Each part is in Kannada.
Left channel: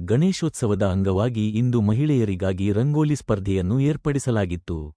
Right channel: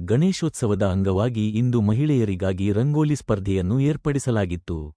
ಗಣೇಶೋತ್ಸವದ ಅಂಗವಾಗಿ ಇಂದು ಮಹಿಳೆಯರಿಗಾಗಿ ರಂಗೋಲಿ ಸ್ಪರ್ಧೆಯನ್ನು ಏರ್ಪಡಿಸಲಾಗಿತ್ತು.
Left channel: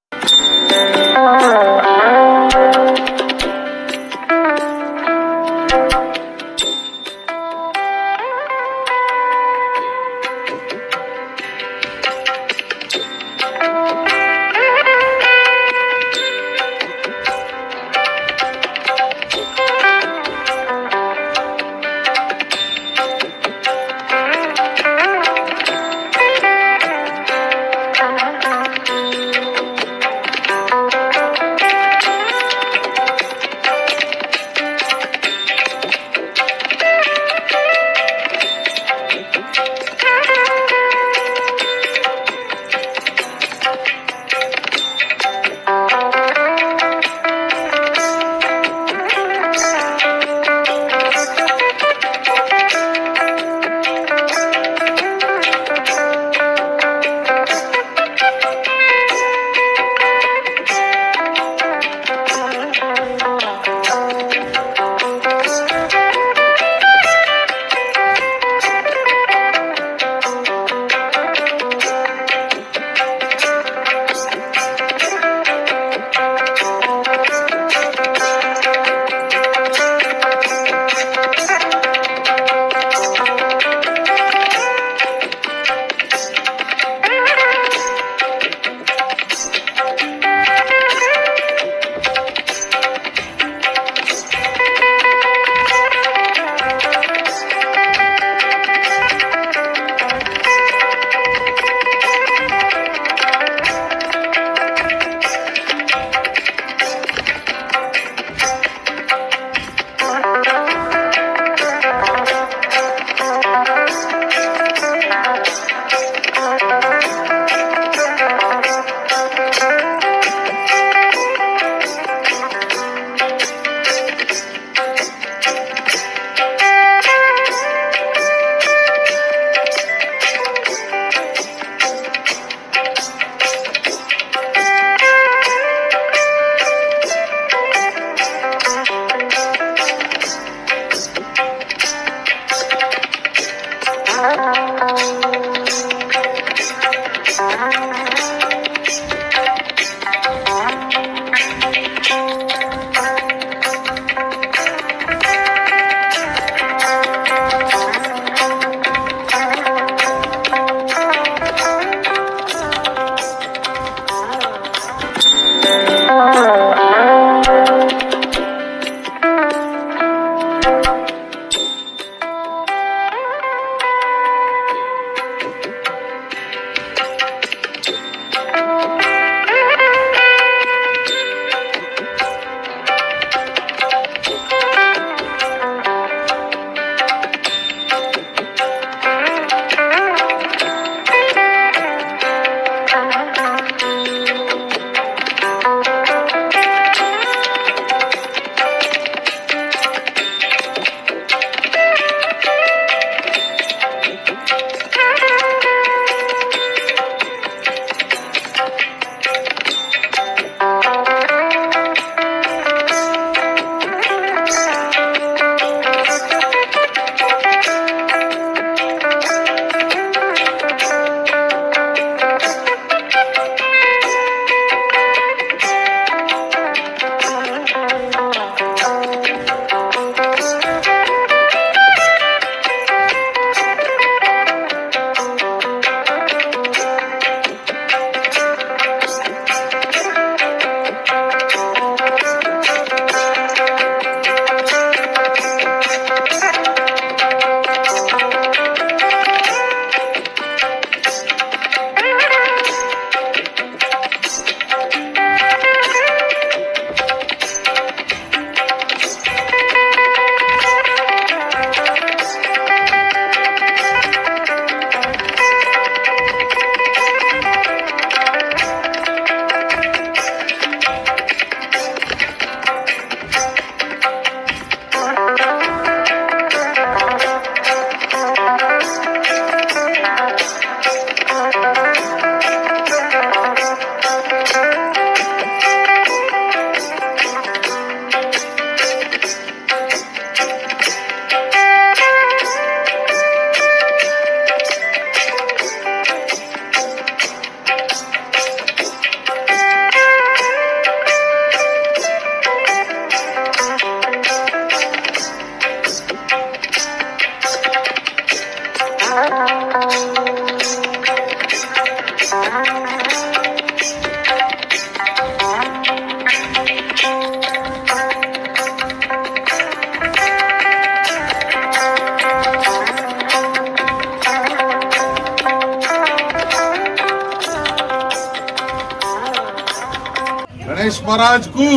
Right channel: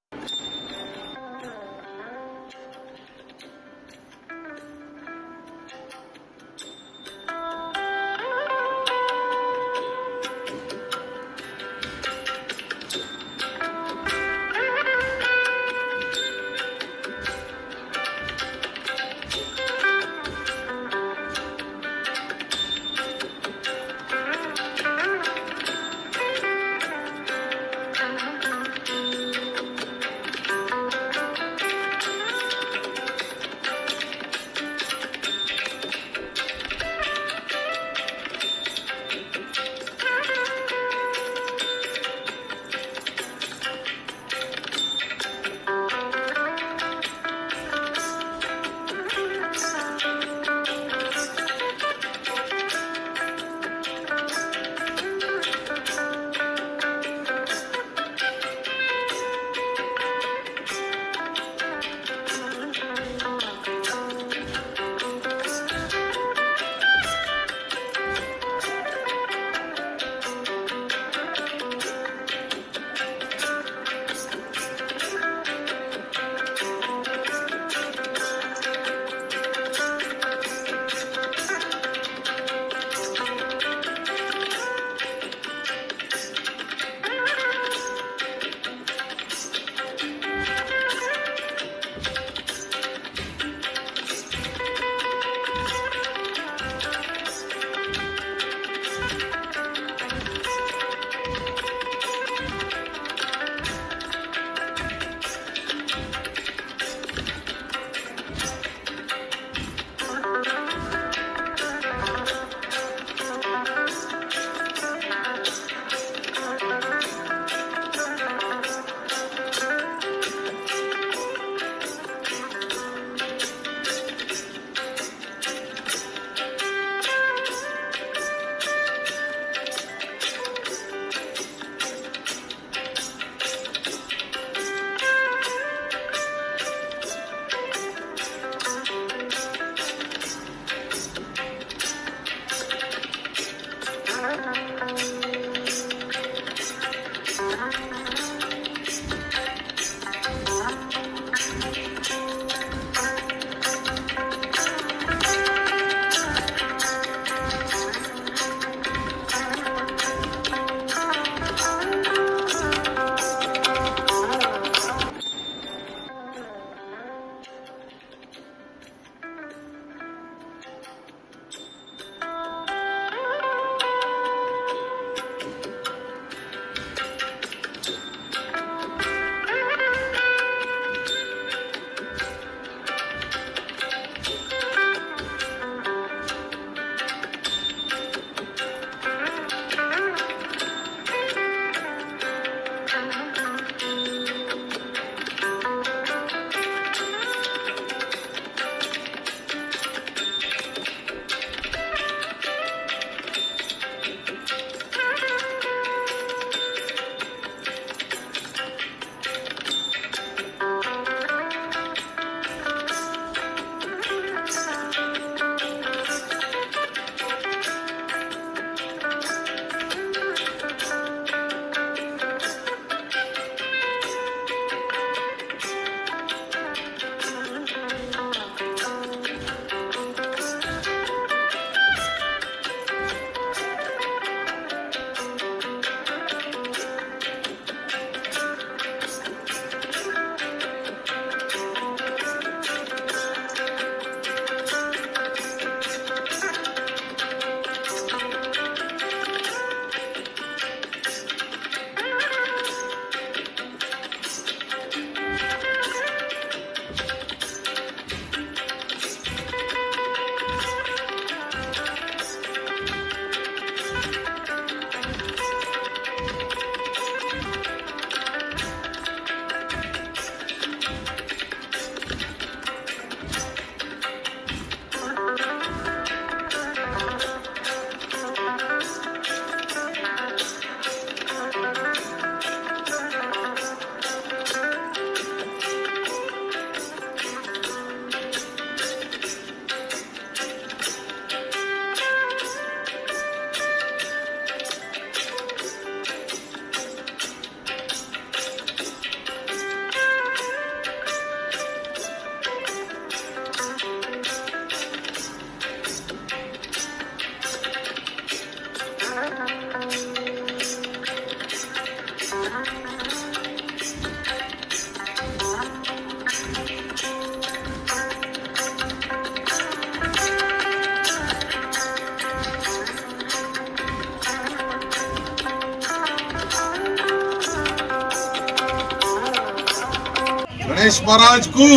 ಗಣೇಶ್ ಮಹಾರಾಜ್ ಕು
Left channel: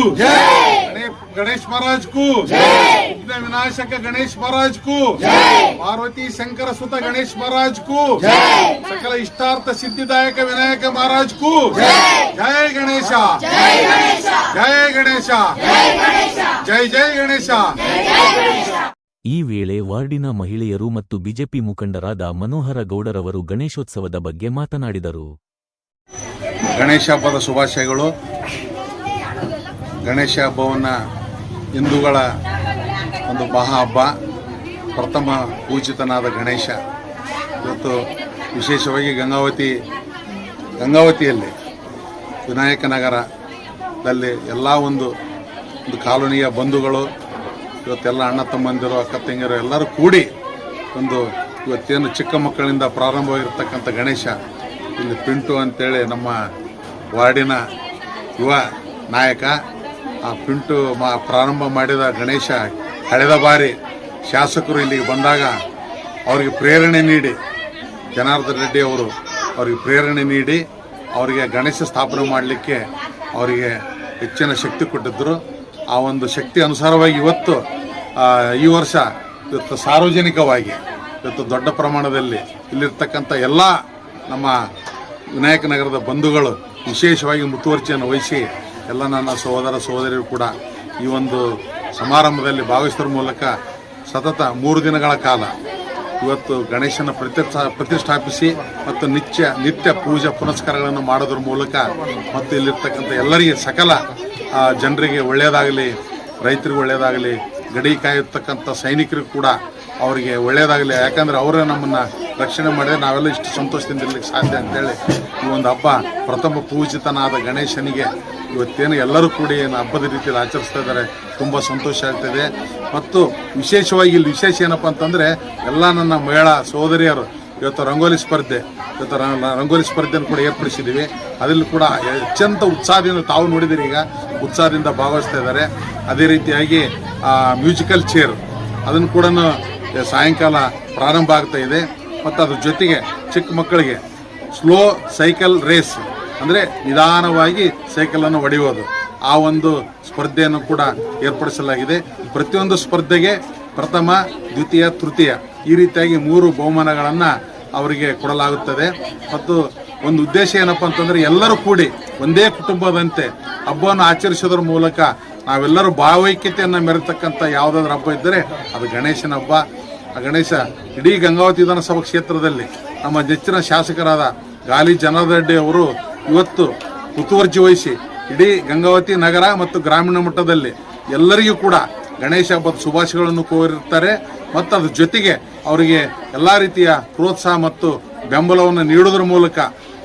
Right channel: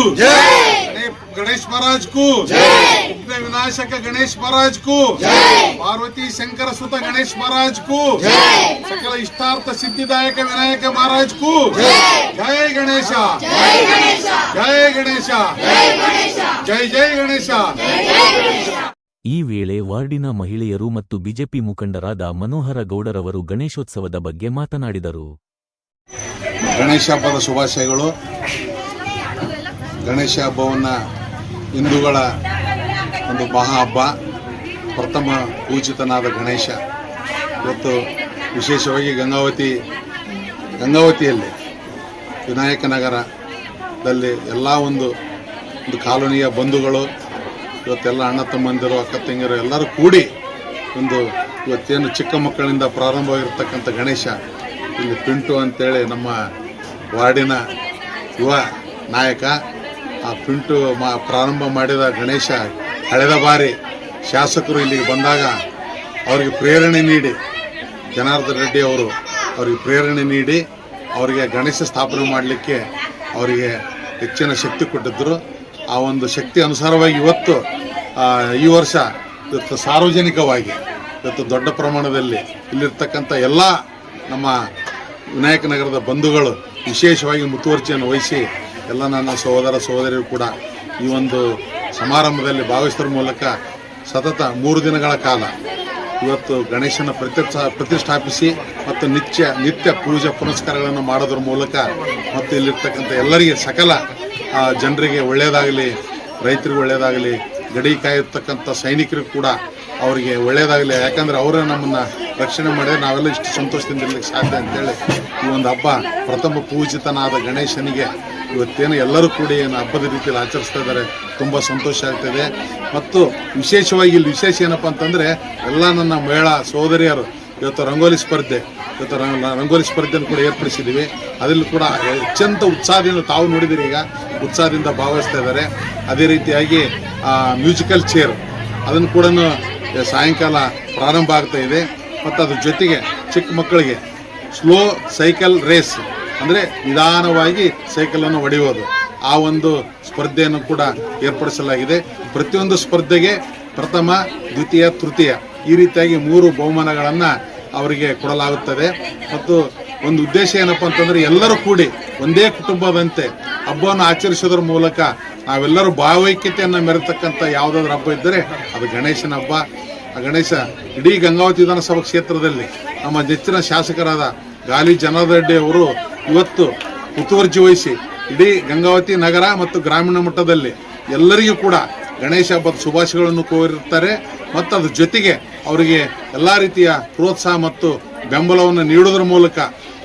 ಗಣೇಶ್ ಮಹಾರಾಜ್ ಕು ವಿನಾಶಕ ಗಣೇಶ್ ಮಹಾರಾಜ್ ಕು ಪಾರ್ವತಿ ಶಂಕರ ಸುತ ಗಣೇಶ್ ಮಹಾರಾಜ್ ಕು ಸಕಲ ಇಷ್ಟಾರ್ಥ ಸಿದ್ಧಿದಾಯಕ ವಿನಾಯಕ ಮಹಾರಾಜ್ ಕು ಜಯ ಗಣೇಶ. ಜಯ ಗಣೇಶ. ಜೈ ಜೈ ಗಣೇಶ. ಈ ವೇಳೆ ವಾರ್ಡಿನ ಮಹಿಳೆಯರು ಮತ್ತು ಬಿಜೆಪಿ ಮುಖಂಡರಾದ ಮನೋಹರ ಗೌಡರವರು ಗಣೇಶೋತ್ಸವದ ಬಗ್ಗೆ ಮಾತನಾಡಿದರು. ಗಣೇಶ ಹಬ್ಬದ ಶುಭಾಶಯಗಳು. ಗಣೇಶ ಹಬ್ಬವನ್ನು ಹಿಂದೂಗಳ ಒಂದು ಮಹಾ ಹಬ್ಬ, ಪ್ರಥಮ ಪೂಜಿತನಾದ ಗಣೇಶ. ಇವತ್ತು ವಿಶೇಷವಾಗಿ ಗಂಗಾವತಿ, ಗಂಗಾವತಿಯಲ್ಲಿ ವಿನಾಯಕನಗರದಲ್ಲಿ ಎಲ್ಲ ಒಂದು ಒಂದು ಕಾಲೋನಿಯ ಬಂಧುಗಳು, ಇವತ್ತೆಲ್ಲ ಅಣ್ಣ ತಮ್ಮಂದಿರು, ಅಕ್ಕ ತಂಗಿಯರು ಎಲ್ಲರೂ ಕೂಡಿ ಒಂದು ಇವತ್ತೇನು ಚಿಕ್ಕ ಮಕ್ಕಳಿಂದ ಪ್ರಾರಂಭವಾಗಿರ್ತಕ್ಕಂಥ ಗಣೇಶ. ಇಲ್ಲಿ ಪಿಂಟು ಅಂತೇಳಿ ನಮ್ಮ ವಾರ್ಡಿನ ಯುವ ನಾಯಕ. ಆ ಪಿಂಟು ಮಾ ಪ್ರಾರಂಭ ಮಾಡಿದ ಗಣೇಶ ಕಳೆದ ಬಾರಿ ಶಾಸಕರು ಇಲ್ಲಿಗೆ ಬಂದಾಗ ಅವರಿಗೆ ಪ್ರೇರಣೆ ನೀಡಿ, ಜನಾರ್ದನ್ ರೆಡ್ಡಿ ಅವರು ಅವರಿಗೆ ಪ್ರೇರಣೆ ನೀಡಿ, ಅವರಿಗೆ ಗಣೇಶ ಸ್ಥಾಪನೆ ಮಾಡಲಿಕ್ಕೆ ಅವರಿಗೆ ಹೆಚ್ಚಿನ ಶಕ್ತಿ ಕೊಟ್ಟಿದ್ದರು. ಆ ಒಂದು ಶಕ್ತಿ ಅನುಸಾರವಾಗಿ ಇವತ್ತು ಈ ವರ್ಷ ಇವತ್ತು ಸಾರ್ವಜನಿಕವಾಗಿ, ಇವತ್ತು ದೊಡ್ಡ ಪ್ರಮಾಣದಲ್ಲಿ ಇಲ್ಲಿರ್ತಕ್ಕಂಥ ಎಲ್ಲ ನಮ್ಮ ವಿನಾಯಕ ನಗರದ ಬಂಧುಗಳು ವಿಶೇಷವಾಗಿ ಮುತುವರ್ಜಿಯನ್ನು ವಹಿಸಿ ಎಲ್ಲ ನನ್ನ ಸಹೋದರ ಸಹೋದರಿಯರು ಕೂಡ ಈ ಒಂದು ಸಮಾರಂಭದಲ್ಲಿ ಭಾಗವಹಿಸುವ ಮೂಲಕ ಸತತ ಮೂರು ದಿನಗಳ ಕಾಲ ಇವತ್ತು ಗಣೇಶನ ಪ್ರತಿಷ್ಠಾ ಪ್ರತಿಷ್ಠಾಪಿಸಿ ಮತ್ತು ನಿತ್ಯ ನಿತ್ಯ ಪೂಜೆ ಪುನಸ್ಕಾರಗಳನ್ನು ಮಾಡೋದ್ರ ಮೂಲಕ ಮತ್ತು ಇಲ್ಲಿರ್ತಕ್ಕಂಥ ಎಲ್ಲರಿಗೆ ಸಕಲ ಜನರಿಗೆ ಒಳ್ಳೆಯದಾಗಲಿ, ರೈತರಿಗೆ ಒಳ್ಳೆಯದಾಗಲಿ, ಗಡಿ ಕಾಯಿರ್ತಕ್ಕಂಥ ಸೈನಿಕರಿಗೂ ಕೂಡ ಅವರಿಗೆ ಒಳ್ಳೆಯದಾಗಲಿ. ಯಾಕಂದ್ರೆ ಅವರೇ ನಮ್ಮನ್ನು ರಕ್ಷಣೆ ಮಾಡಿದರೆ ನಾವೆಲ್ಲ ಇಷ್ಟು ಸಂತೋಷದಿಂದ ಇರಲಿಕ್ಕೆ ಸಾಧ್ಯ ಅಂತೇಳಿ ಈ ಒಂದು ಹಬ್ಬ ಪ್ರಥಮ ಪೂಜಿತನಾದ ಗಣೇಶನಿಗೆ ಇವತ್ತೇನು ಎಲ್ಲರೂ ಕೂಡಿ ಏನು ಹಬ್ಬದ ರೀತಿಯಲ್ಲಿ ಆಚರಿಸ್ತಾ ಇದ್ದಾರೆ, ತುಂಬ ಸಂತೋಷ ಆಗ್ತದೆ. ಮತ್ತು ವಿಶೇಷವಾಗಿ ಇಲ್ಲಿ ವಿಶೇಷ ಏನಪ್ಪ ಅಂತಂದರೆ, ಎಲ್ಲ ನನ್ನ ಮಹಿಳಾ ಸಹೋದರಿಯರು ಇವತ್ತು ರಂಗೋಲಿ ಸ್ಪರ್ಧೆ, ಇವತ್ತು ರಂಗೋಲಿ ಸ್ಪರ್ಧೆಯನ್ನು ಕೂಡ ಏರ್ಪಡಿಸಿದ್ದೀವಿ. ಅದರಲ್ಲಿ ಕೂಡ ಅತ್ಯಂತ ಉತ್ಸಾಹದಿಂದ ತಾವು ನೋಡಿದಿರಿ ಈಗ, ಉತ್ಸಾಹದಿಂದ ಭಾಗವಹಿಸ್ತಾ ಇದ್ದಾರೆ. ಅದೇ ರೀತಿಯಾಗಿ ಮ್ಯೂಸಿಕಲ್ ಚೇರ್, ಅದನ್ನು ಕೂಡ ಸಾಯಂಕಾಲ ಪ್ರಾರಂಭ ಆಗ್ತಾ ಇದೆ. ಮತ್ತು ಅದ್ರ ಜೊತೆಗೆ ಚಿಕ್ಕ ಮಕ್ಕಳಿಗೆ, ಸ್ಲೋ ಸೈಕಲ್ ರೇಸ್ ಅಂದರೆ ನಿಧಾನವಾಗಿ ಸೈಕಲನ್ನು ಹೊಡೆಯುವುದು ಆ ಒಂದು ಸ್ಪರ್ಧೆಯನ್ನು ಕೂಡ ಏರ್ಪಡಿಸಲಾಗಿದೆ. ಪ್ರತಿಯೊಂದು ಸ್ಪರ್ಧೆಗೆ ಪ್ರಥಮ, ದ್ವಿತೀಯ, ತೃತೀಯ ಈ ರೀತಿಯಾಗಿ ಮೂರು ಬಹುಮಾನಗಳನ್ನು ಅವರಿಗೆ ಕೊಡಲಾಗುತ್ತದೆ. ಮತ್ತು ಒಂದು ಉದ್ದೇಶ ಏನಪ್ಪ ಅಂತಂದರೆ ಎಲ್ಲರೂ ಕೂಡಿ ಒಂದೇ ಕುಟುಂಬದಂತೆ ಹಬ್ಬವನ್ನು ಆಚರಿಸೋದ್ರ ಮೂಲಕ ನಾವೆಲ್ಲರೂ ಭಾವೈಕ್ಯತೆಯನ್ನು ಮೆರೆತಕ್ಕಂಥ ಯಾವುದಾದ್ರೂ ಹಬ್ಬ ಇದ್ದರೆ ಅದು ಗಣೇಶನ ಹಬ್ಬ. ಆ ಗಣೇಶ ಇಡೀ ಗಂಗಾವತಿ ವಿಧಾನಸಭಾ ಕ್ಷೇತ್ರದಲ್ಲಿ ನಮ್ಮ ನೆಚ್ಚಿನ ಶಾಸಕರಾದ ಗಾಲಿ ಜನಾರ್ದ ರೆಡ್ಡಿ ಅವರು ಇವತ್ತು ಮುತುವರ್ಜಿ ವಹಿಸಿ ಇಡೀ ಗಂಗಾವತಿ ನಗರ ಮತ್ತು ಗ್ರಾಮೀಣ ಮಟ್ಟದಲ್ಲಿ ಎಲ್ಲರಿಗೂ ಕೂಡ ಗಣೇಶ ಹಬ್ಬದ ಶುಭಾಶಯಗಳನ್ನು ಕೋರಿರ್ತಾರೆ ಮತ್ತು ಅದ್ರ ಜೊತೆಗೆ ಅವರಿಗೆ ಎಲ್ಲ ರೀತಿಯ ಪ್ರೋತ್ಸಾಹ ಮತ್ತು ಬೆಂಬಲವನ್ನು ನೀಡೋದ್ರ ಮೂಲಕ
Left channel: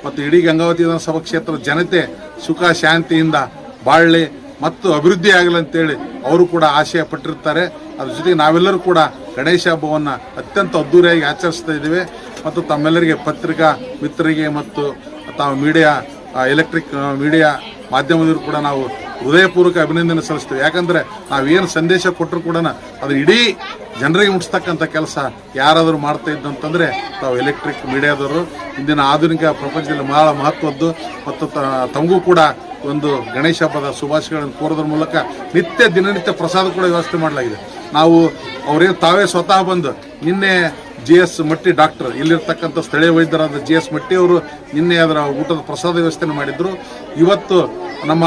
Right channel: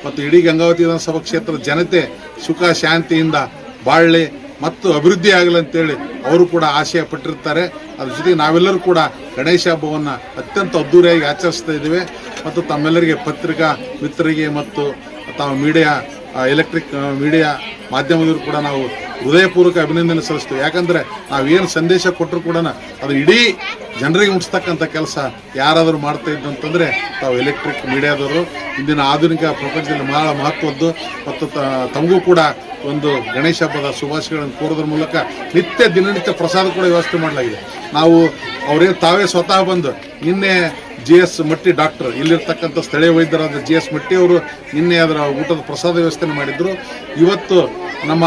ಮತ್ತು ಇಡೀ ಗಂಗಾವತಿ ವಿಧಾನಸಭಾ ಕ್ಷೇತ್ರದ ಜನತೆ ಸುಖ, ಶಾಂತಿಯಿಂದ ಬಾಳ್ಲಿ. ಮತ್ತು ಅಭಿವೃದ್ಧಿ ಆಗಲಿ ಅಂತೇಳಿ ಅವರು ಕೂಡ ಆಶಯ ಪಟ್ಟಿರ್ತಾರೆ. ಅದ್ರ ಜೊತೆಗೆ ನಾವೆಲ್ಲರೂ ಕೂಡ ಗಣೇಶ ಹಬ್ಬವನ್ನು ಅತ್ಯಂತ ಅದ್ದೂರಿಯಾಗಿ ಆಚರಿಸ್ತಾ ಇದ್ದೇವೆ. ಮತ್ತು ತಮ್ಮೆಲ್ಲರಿಗೆ ಪತ್ರಿಕಾ ಮಿತ್ರರಿಗೆ ಮತ್ತು ತಾವು ಮೀಡಿಯಾ ಎಲೆಕ್ಟ್ರಿಕ್ ಮೀಡಿಯಾ ಮಾಧ್ಯಮದವರು ಕೂಡ ನಾವು ಹೃದಯಪೂರ್ವಕ ಅಭಿನಂದನೆ ಸಲ್ಲಿಸ್ತೀವಿ. ಯಾಕಂದರೆ ನಾವೇನು ಸಂದೇಶ ಕೊಟ್ಟರು ಕೂಡ ಅದು ಇಡೀ ಜನರಿಗೆ ಮುಟ್ಟಿಸ್ತಕ್ಕಂಥ ಕೆಲಸ ಯಾರಾದರೂ ಮಾಡ್ತಾ ಇದ್ದಂತಂದರೆ ತಾವು ಎಲೆಕ್ಟ್ರಿಕ್ ಮೀಡಿಯಾದವರು. ಇಂದಿನ ಆಧುನಿಕ ಪ್ರಪಂಚದಲ್ಲಿ ಬಹಳ ಮಹತ್ವದ್ದು. ಮತ್ತು ತಮಗೂ ಕೂಡ ಒಂದು ಗಣೇಶ ಹಬ್ಬದ ಶುಭಾಶಯಗಳನ್ನು ಕೋರೋದ್ರ ಮೂಲಕ ನಿತ್ಯ ದಿನನಿತ್ಯ ಪ್ರಸಾದ ಕೂಡ ವ್ಯವಸ್ಥೆ ಮಾಡಲಾಗಿದೆ. ನಾವು ಅವರೇನು ತಾವೇ ಸ್ವತಃ ಬಂದು ನಿನ್ನೆ ಜಿ ಎಸ್ ಮಟ್ಟಿ ಡಾಕ್ಟರ್, ಇಲ್ಲಿರ್ತಕ್ಕಂಥ ಸ್ಥಳೀಯ ವೈದ್ಯರಾದ ಜಿ ಎಸ್ ಮಟ್ಟಿ ಅವರು ನಿನ್ನೆ ಅದರ ಊಟದ ಪ್ರಸಾದ ವ್ಯವಸ್ಥೆಯನ್ನು ಮಾಡಿದ್ರು. ಇವತ್ತು ನಮ್ಮ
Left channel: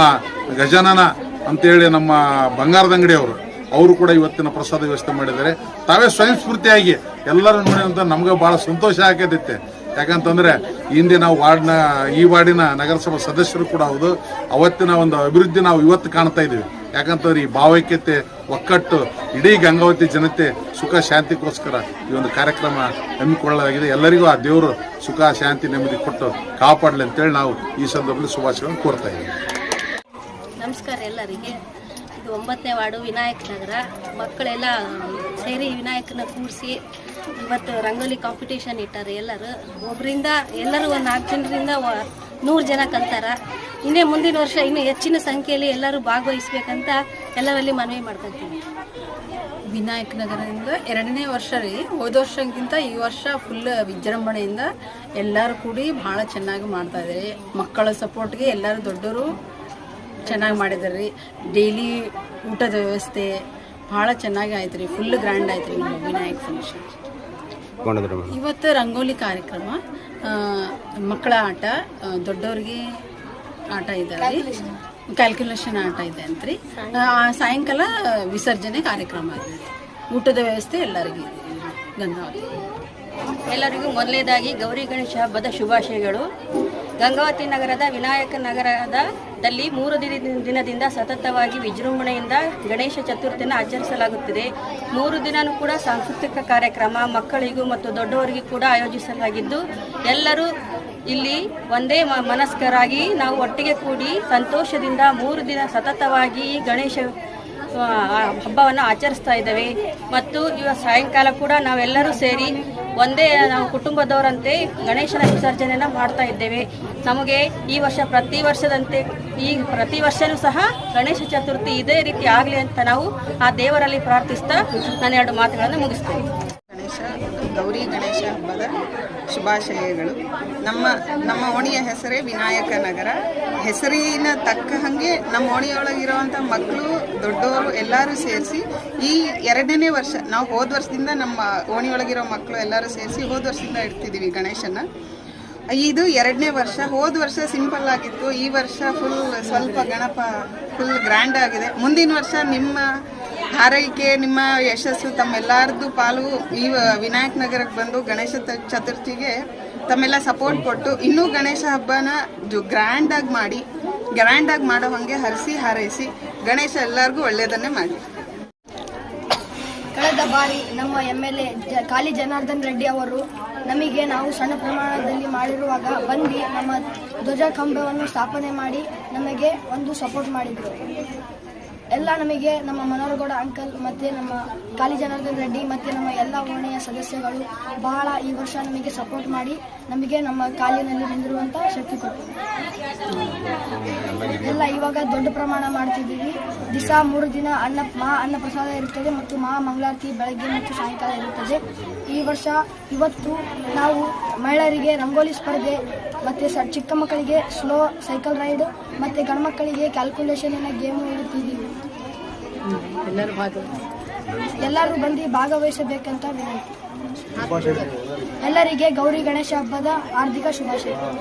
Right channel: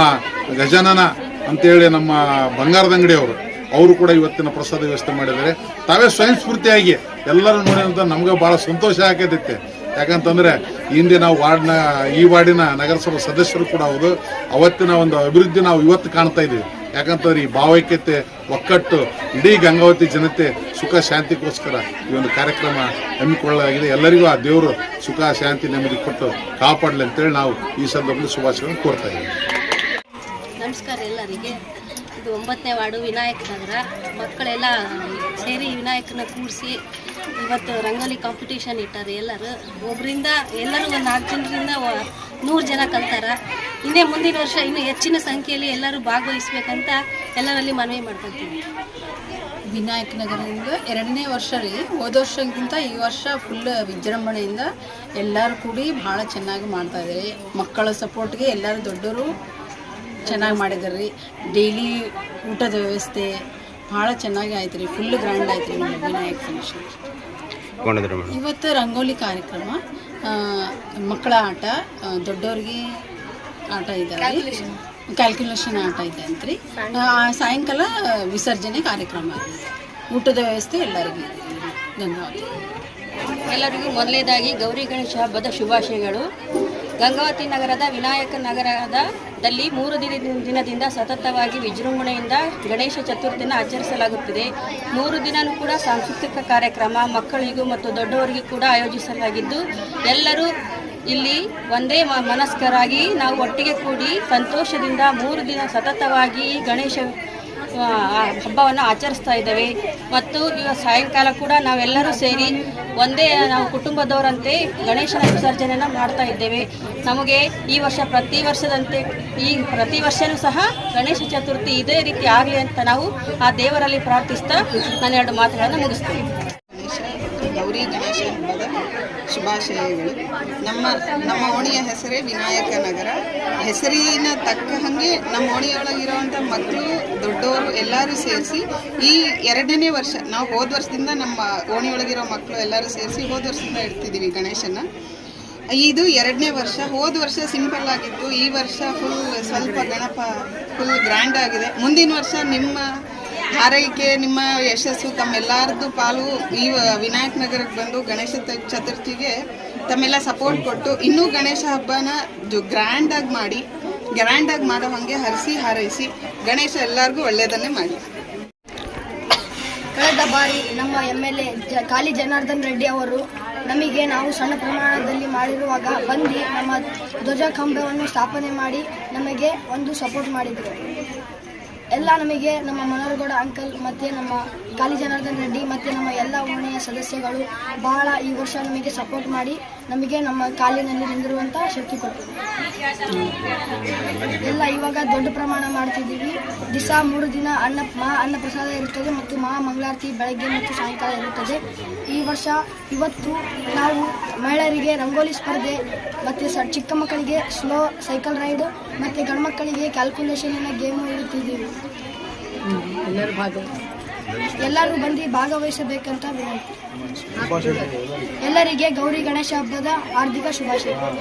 ಗಜಾನನ ಅಂತೇಳಿ ನಮ್ಮ ಬಂಗಾರದ ಅಂಗಡಿಯವರು ಅವರು ಕೂಡ ಇವತ್ತಿನ ಪ್ರಸಾದ ವ್ಯವಸ್ಥೆ ಮಾಡಿದ್ದಾರೆ. ತಾವೇ ಸ್ವಯಂ ಸ್ಫೂರ್ತಿಯಾಗಿ ಎಲ್ಲರೂ ನೋಡಿದಂಥ ನಮ್ಗೆ ಭಾಳ ಸಂತೋಷ ಆಗತೈತೆ. ಯಾಕಂತಂದ್ರೆ ಹಿಂದೆ ನಾವು ವಾರ್ಡ್ನ, ಈ ವಾರ್ಡಿನ ನಗರಸಭಾ ಸದಸ್ಯರು ಕೂಡ ಹೌದು. ಅವತ್ತಿನ ಒಂದು ಅಭಿವೃದ್ಧಿ ನಾವು ಇವತ್ತು ಕಾಣ್ತಾ ಇದೀವಿ. ಯಾಕಂತಂದ್ರೆ ಈ ಭಾವೈಕ್ಯತೆ, ಒಕ್ಕಟ್ಟು, ಇಡೀ ಗಂಗಾವತಿ ಜನತೆ ಸುಖ, ಶಾಂತಿಗೋಸ್ಕರ ಈ ಒಂದು ಕಾರ್ಯಕ್ರಮ ಹಮ್ಮಿಕೊಳ್ಳಲಾಗಿದೆ. ಎಲ್ಲರಿಗೂ ಆ ದೇವರು ಸುಖ, ಶಾಂತಿ, ನೆಮ್ಮದಿ ಕೊಟ್ಟು ಕಾಪಾಡಲಿ ಅಂತೇಳಿ ನಾವು ಈ ಸಂದರ್ಭದಲ್ಲಿ ಶುಭಾಶಯಗಳನ್ನು ಕೋರ್ತಾ ಇದ್ದೀವಿ. ನಮಸ್ಕಾರ ಎಲ್ಲರಿಗೆ. ಇದು ಒಂಬತ್ತನೇ ವಾರ್ಡು ವಿನಾಯಕ ನಗರ. ಮಕ್ಕಳೆಲ್ಲ ಸೇರಿ ವಿನಾಯಕನ ಕೂರಿಸಿ ಇವತ್ತು ರಂಗೋಲಿ ಕಾಂಪಿಟೇಷನ್ ಇಟ್ಟಾರೆ ಎಲ್ಲರೂ. ಒಬ್ಬರಿಂದ ಎಲ್ಲರೂ ಒಂದು ನಾಲ್ಕು ಜನರಿಂದ ನೂರು ಜನ ಕಲ್ತಾರ. ಇನ್ನೇ ಮುಂದಿನ ವರ್ಷ ಇನ್ನೂ ಹೆಚ್ಚಿನ ಸಂಖ್ಯೆಯಲ್ಲಿ ಎಲ್ಲರೂ ಭಾಗವಹಿಸ್ಬೇಕಂತ ಎಲ್ಲರಲ್ಲಿ ಮನವಿ ಮಾಡ್ಕೊತೀವಿ ವಿನಾಯಕ ನಗರದಿಂದ ಎರಡನೇ ವರ್ಷ ರೀ. ಹೋದ ವರ್ಷಕ್ಕಿಂತ ಈ ವರ್ಷ ಫುಲ್ ವಿಜೃಂಭಣೆಯಿಂದ ಎಲ್ಲರೂ ಕೂಡಿ ಭಾಳ ಚೆನ್ನಾಗಿ ಮಾಡ್ತಾ ಇದ್ದಾರೆ ಮಕ್ಕಳ ಸಪೋರ್ಟ್ಗೆ ಎಲ್ಲರೂ ದೊಡ್ಡವರು ಚೆನ್ನಾಗಿ ಮಾಡಿದ್ದಾರೆ ರೀ ಡೈಲಿ ಊಟದ ವ್ಯವಸ್ಥೆ ಭಾಳ ಚೆನ್ನಾಗಿ ಆಯ್ತು ರೀ. ಫುಲ್ ಗ್ರ್ಯಾಂಡ್ ಆಯ್ತು ರೀ ನಮ್ಮ ವಿನಾಯಕ ಫಂಕ್ಷನ್ ಕೊಂಡಿದ್ರಿ ಮೇಡಮ್. ಇವತ್ತು ರಂಗೋಲಿ ಕಾರ್ಯಕ್ರಮ ಮಕ್ಕಳ ಆಟ ದೊಡ್ಡವ್ರಿಗೆ ಆಟ ಇದ್ದಾವೆ ಕ್ಯಾಲ್ಕುಲೇಷನ್ ಆಟ ಇದೆ ಅಂತ್ರಿ. ಆ, ಸಾಯಂಕಾಲ ವಿಸರ್ಜನೆ ಕಾರ್ಯಕ್ರಮ ಇದೆ ಊಟದ ವ್ಯವಸ್ಥೆ ಎಲ್ಲರಿಗೂ ಇದೆ ಗಂಗಾವತಿ ಎಲ್ಲರಿಗೂ ಮೊದಲನೇದಾಗಿ ಗೌರಿ ಗಣೇಶ ಹಬ್ಬದ ಶುಭಾಶಯಗಳು. ಗಂಗಾವತಿ ನಗರದ ವಿನಾಯಕ ನಗರದಲ್ಲಿ ಮೂರು ದಿನ ದಿನದಿಂದ ಸತತವಾಗಿ ವಿಜೃಂಭಣೆಯಿಂದ ಗಣೇಶ ಚತುರ್ಥಿಯನ್ನು ಆಚರಿಸಲಾಗುತ್ತಿದೆ. ಮೂರು ದಿನವೂ ಕೂಡ ಸಾಂಸ್ಕೃತಿಕ ಕಾರ್ಯಕ್ರಮ ಮಕ್ಕಳಿಗೂ ಮತ್ತು ದೊಡ್ಡವರಿಗೂ ಕೂಡ ಆಯೋಜಿಸಲಾಗಿದ್ದು, ಎಲ್ಲರೂ ಇಲ್ಲಿ ಒಂದೇ ಮನಸ್ಕರಾಗಿ ನಾವು ಒಟ್ಟಿಗೆ ಕೂಡಿ ಸಂತೋಷದಿಂದ ಮೂರು ದಿನ ಸತತವಾಗಿ ಗಣೇಶ ಹಬ್ಬವನ್ನು ಆಚರಿಸ್ತಾ ಇದ್ದೇವೆ. ಮತ್ತು ಇವ ಸಾಯಂಕಾಲ ಕೂಡ ನಾವೆಲ್ಲರೂ ಸೇರಿ ಒಂದೇ, ನಾವು ಕುಟುಂಬದವರಂತೆ ಗಣೇಶನ ವಿಸರ್ಜನೆಯನ್ನು ಮಾಡ್ತಾ ಇದ್ದೇವೆ. ನಮಗೆ ಈ ವರ್ಷ ಪ್ರತಿ ವರ್ಷದಂತೆ, ಈ ಪ್ರತಿ ವರ್ಷವೂ ಸಹ ಗಣೇಶ ಚತುರ್ಥಿ ಇದೇ ರೀತಿ ಆಗಲಿ ಅಂತ ನಾವು ಆ ದೇವರಲ್ಲಿ ಪ್ರಾರ್ಥಿಸ್ತಾ ನಾನು ಎರಡು ಮಾತುಗಳನ್ನು ಮುಗಿಸ್ತೇನೆ. ಗಣೇಶ, ಗೌರಿ ಗಣೇಶ ಹಬ್ಬದ ಶುಭಾಶಯಗಳು. ನಮ್ಮ ನಮ್ಮ ಓಣಿಯ ಹೆಸರೇ ವಿನಾಯಕ ನಗರ. ಹೆಸರಿನ ತಕ್ಕ ಹಾಗೆ ನಮ್ಮ ಓಣಿಯೊಳಗಿರುವಂಥ ಮಕ್ಕಳು, ದೊಡ್ಡವರು ಎಲ್ಲರೂ ಸೇರಿಸಿ ಈ ಎರಡನೇ ವರ್ಷ, ನಾವು ಹೋದ ವರ್ಷದಿಂದ ನಮ್ಮ ಓಣಿಯೊಳಗಿರೋ ಮಕ್ಕಳು ಎಲ್ಲರೂ ಸೇರಿಸಿ ಹೋದ ವರ್ಷದಿಂದ ಇಡ್ತಿದ್ದೀವಿ ಗಣೇಶನ ಇದು ಎರಡನೇ ವರ್ಷ, ಹೋದ ವರ್ಷ ಸಿಂಪಲ್ ಆಗಿತ್ತು. ಈ ವರ್ಷ ಫುಲ್ ಸ್ವಲ್ಪ ಗಣಪ ಫುಲ್ ಗ್ರ್ಯಾಂಡ್ ಆಗಿದೆ. ಮುಂದಿನ ವರ್ಷ ನಿಮ್ಮ ಹಾರೈಕೆ, ನಿಮ್ಮ ಯಶಸ್ಸು, ತಮ್ಮೆಲ್ಲರದ್ದು ಪಾಲು ಈ ವಿನಾಯಕ ನಗರಕ್ಕೆ ಬಂದು ಗಣೇಶ ಚತುರ್ಥಿಗೆ ತಮ್ಮೆಲ್ಲ ಸಪೋರ್ಟ್ ಕೊಟ್ಟು ಇನ್ನೂ ಗಣೇಶ ಹಬ್ಬನ ಜು ಗ್ರ್ಯಾಂಡಾಗಿ ಮಾಡಿ ಗ್ರ್ಯಾಂಡಾಗಿ ಮಾಡೋ ಹಾಗೆ ಹರಿಸಿ, ಹಾರೈಸಿ, ಗಣೇಶ ಎಲ್ಲರಿಗೂ ಒಳ್ಳೆಯದನ್ನೇ ಮಾಡಿ. ಕಳೆದ ಬಾರಿ ನಮ್ಮ ಎಂ ಎಲ್ ಎ ಕಾಲಿ ಜನಾರ್ದನ್ ರೆಡ್ಡಿ ಅವರು ನಮಗೆ ನಾವು ಸಣ್ಣ ಪ್ರಮಾಣದಲ್ಲಿ ಮಾಡಿರುವಾಗ ಬಂದು ನಮ್ಮ ಧ್ವಜ ಕಂಬವನ್ನು ಸ್ಥಾಪನೆ ಮಾಡಿ ನಮಗೆ ಒಂದು ಸಪೋರ್ಟ್ ಮಾಡಿದರು. ಎಲ್ಲ ನಮಗೆ ನಮ್ಮ ಮನೋರಗೌಡ ಅಂಕಲ್ ಮತ್ತು ನಮ್ಮ ಕಾಲಿ ಜನಾರ್ದನ್ ರೆಡ್ಡಿ ಮತ್ತು ನಮ್ಮ ಎಲ್ಲ ಓಣೆಯ ಸದಸ್ಯಗಳು ಬಹಳ ಈ ವರ್ಷ ನಮಗೆ ಸಪೋರ್ಟ್ ಮಾಡಿ ನಮಗೆ ನಮ್ಮ ಕಾಲಿನಲ್ಲಿ ನಿಂದಿರುವಂಥ ಶಕ್ತಿ ಕೊಟ್ಟು ಎಲ್ಲ ಇವಾಗ ದೊಡ್ಡ ಪ್ರಮಾಣ ಮಾಡ್ತಿದ್ದೀವಿ. ದಿವಸ ಮೂರು ದಿನ ಅನ್ನ ಮಾ ಅನ್ನ ಪ್ರಸಾದ ಇರುತ್ತದೆ ಮತ್ತು ಮಹಾ ಮಂಗಳಾರತಿ ಬೆಳಗ್ಗೆ ಮತ್ತು ಸಾಯಂಕಾಲ ಇರುತ್ತದೆ. ಈ ವರ್ಷ ಇವತ್ತು ನಾವು ಮಹಿಳೆಯರಿಗೆ ರಂಗೋಲಿ ಸ್ಪರ್ಧೆ ಮತ್ತು ಸ ಚಿಕ್ಕ ಮಕ್ಕಳಿಗೆ ಸ್ಲೋ ಸೈಕಲ್ ರೈಡ್ ಮತ್ತು ಗಂಡು ಮಕ್ಕಳಿಗೆ ಕ್ಯಾಲ್ಕುಲೇಷನಿನ ಗೇಮು ಇಡುತ್ತಿದ್ದೀವಿ. ಎಲ್ಲರೂ ಭಾಗವಹಿಸಿ. ಎಲ್ಲರೂ ಬಂದು ಭಾಗವಹಿಸಬೇಕಂತ ವಿನಂತಿ. ಎಲ್ಲರಿಗೆ ಗೌರಿ ಗಣೇಶ ಹಬ್ಬದ ಹಾರ್ದಿಕ ಶುಭಾಶಯಗಳು.